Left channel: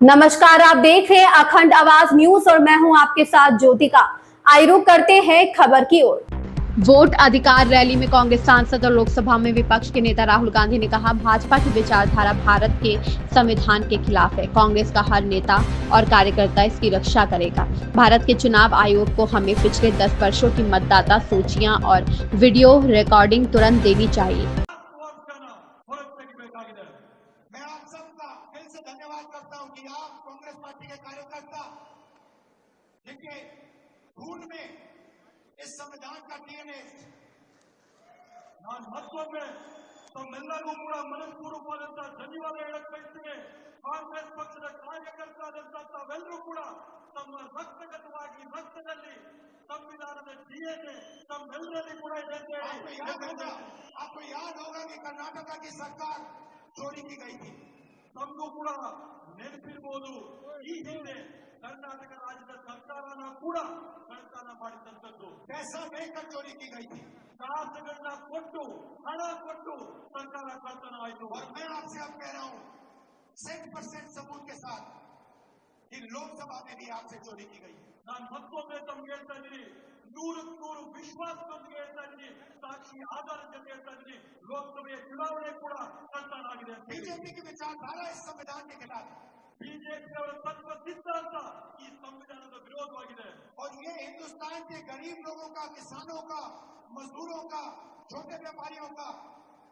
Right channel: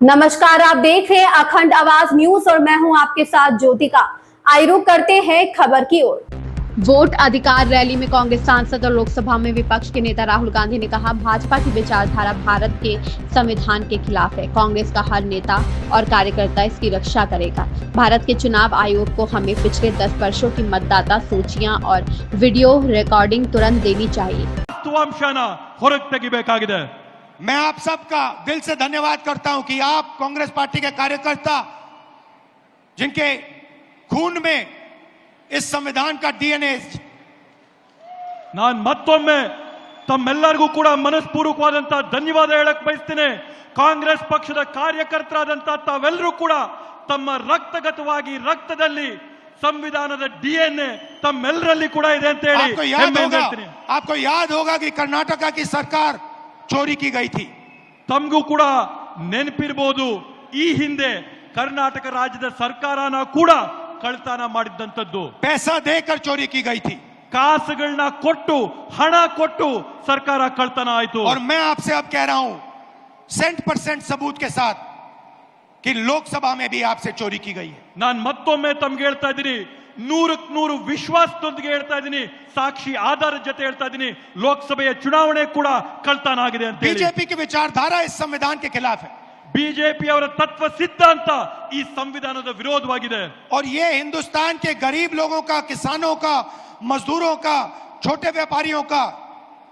नमस्कार, आप देख रहे हैं अखंड आवाज न्यूज और मैं हूं आपके साथ ज्योतिका। आइए रुक करते हैं खबर की ओर। वोट अधिकार रैली में कांग्रेस सांसद और लोकसभा में विपक्ष के नेता राहुल गांधी ने कहा, भाजपा की विचारधारा भारत के संविधान के खिलाफ है। कांग्रेस का हर नेता और कार्यकर्ता इसकी रक्षा करेगा। भारत के चुनाव आयोग को हमें पिछले 10 वर्षों की मतदाता सूचियां और वीडियो रिकॉर्डिंग तुरंत देनी चाहिए। मैं आप सबका दिल से धन्यवाद करता हूं कि आप कांग्रेस पार्टी के कार्यकर्ता जिनके खून में इस संविधान का डीएनए ನಾನು ಮತ್ತೊಮ್ಮೆ ತಮ್ಮೆಲ್ಲರಿಗೂ ಕೂಡ ಮನಸ್ಪೂರ್ವಕವಾದಂತ ಧನ್ಯವಾದ ಹೇಳಕ್ ಬಯಸ್ತೇನೆ। ಕಾಂಗ್ರೆಸ್ ಪಕ್ಷದ ಕಾರ್ಯಕರ್ತರಾದಂತ ತಾವೆಲ್ಲರೂ ಕೂಡ ತಮ್ಮ ರಕ್ತಗತವಾಗಿ ರಕ್ತದಲ್ಲಿ ಸಂವಿಧಾನದ ಡಿಎನ್ಎ ತಮ್ಮೆಲ್ಲರಲ್ಲಿ ಕೂಡ ಇದೆ ಅಂತ ಹೇಳಿ आपको याद होगा कि कर्नाटका की सरकार चोरी की गई थी। ತಮಗೂ ಕೂಡ ನೆನಪಿರಬಹುದು, ಈ ಹಿಂದೆ ಕರ್ನಾಟಕ ರಾಜ್ಯದ ಸರ್ಕಾರನ ಕೂಡ ಕಳ್ತನ ಮಾಡಿದಂತದ್ದು। पैसा देकर चोरी की गई थी, ಕಾಸುಗಳನ್ನ ಕೊಟ್ಟು ಹಣ ಕೊಟ್ಟು ಸರ್ಕಾರ ಕಳ್ತನ ಆಯಿತು। और मैं आपसे अब कह रहा हूं 100% सबूत के साथ कि लोकसभा में भी आपसे चोरी की गई है। ನಾನು ಮತ್ತೊಮ್ಮೆ ತಮಗೆ ಹೇಳ್ತಾ ಇದ್ದೀನಿ, 100ಕ್ಕೆ 100 ವಿಶ್ವಾಸದೊಂದಿಗೆ ಹೇಳ್ತಾ ಇದ್ದೀನಿ, ಸಾಕ್ಷಿ ಆಧಾರದ ಜೊತೆ ಹೇಳ್ತಾ ಇದ್ದೀನಿ, ಲೋಕಸಭೆಯ ಚುನಾವಣೆ ಕೂಡ ಕಳ್ತನ ಆಗಿದೆ ಅಂತ ಹೇಳಿ। बीजेपी की विचारधारा इस संविधान के खिलाफ है। ಬಿಜೆಪಿ ಅವರ ತತ್ವ ಸಿದ್ಧಾಂತ ಈ ಸಂವಿಧಾನದ ವಿರೋಧವಾಗಿದೆ। और ये हिंदुस्तान के गरीब लोगों का, किसानों का, मजदूरों का, छोटे व्यापारियों का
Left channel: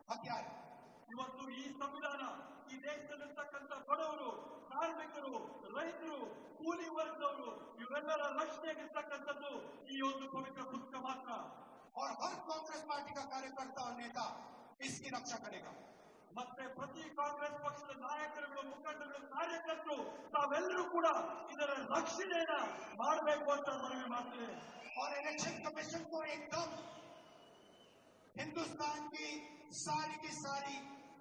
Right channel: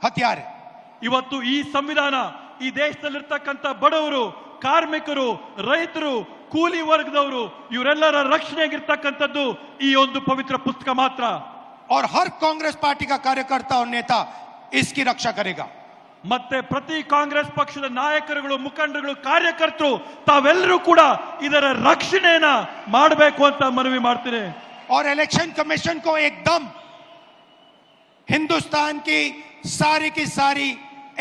हथियार है। ಇವತ್ತು ಈ ಸಂವಿಧಾನ ಈ ದೇಶದಲ್ಲಿರ್ತಕ್ಕಂಥ ಬಡವರು, ಕಾರ್ಮಿಕರು, ರೈತರು, ಕೂಲಿ ವರ್ಗದವರು ಇವರೆಲ್ಲರ ರಕ್ಷಣೆಗಿರ್ತಕ್ಕಂಥದ್ದು ಈ ಒಂದು ಪವಿತ್ರ ಪುಸ್ತಕ ಮಾತ್ರ। और हर कांग्रेस पार्टी का कार्यकर्ता और नेता इसकी रक्षा करेगा। ಮತ್ತೆ ಪ್ರತಿ ಕಾಂಗ್ರೆಸ್ ಪಕ್ಷದ ನಾಯಕರುಗಳು, ಮುಖಂಡರುಗಳು, ಕಾರ್ಯಕರ್ತರು ತಾವೆಲ್ಲರೂ ಕೂಡ ಇದರ ರಕ್ಷಣೆಯನ್ನ ಮಾಡಬೇಕು ಅಂತ ಮನವಿ ಮಾಡ್ತೀನಿ। और इलेक्शन कमीशन को एकदम हिंदुस्तान की सारी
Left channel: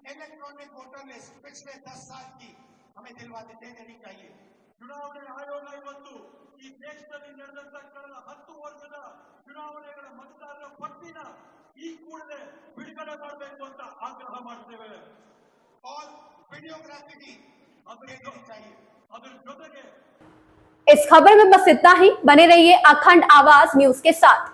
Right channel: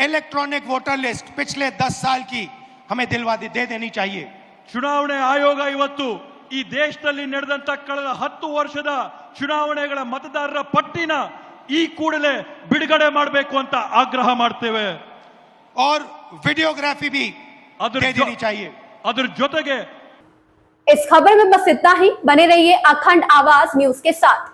इलेक्ट्रॉनिक वोटर लिस्ट पिछले 10 साल की हमें दिलवा दे देनी चाहिए। ಚುನಾವಣೆ ಆಯೋಗ ಇವತ್ತು ಈ ದೇಶದಲ್ಲಿ ನಡೆದಂತ ಕಳೆದ 10 ವರ್ಷದ ಚುನಾವಣೆಗಳ ಮತದಾರರ ಪಟ್ಟಿನ ಈ ಕೂಡಲೇ ಬಿಡುಗಡೆ ಮಾಡಬೇಕು ಅಂತ ಆಗ್ರಹ ಮಾಡ್ತೇವೆ। और वीडियोग्राफी भी दे देनी चाहिए। ಅದರ ಜೊತೆಗೆ इस खबर में बस इतना ही। बने रहिए अखंड आवाज न्यूज के साथ।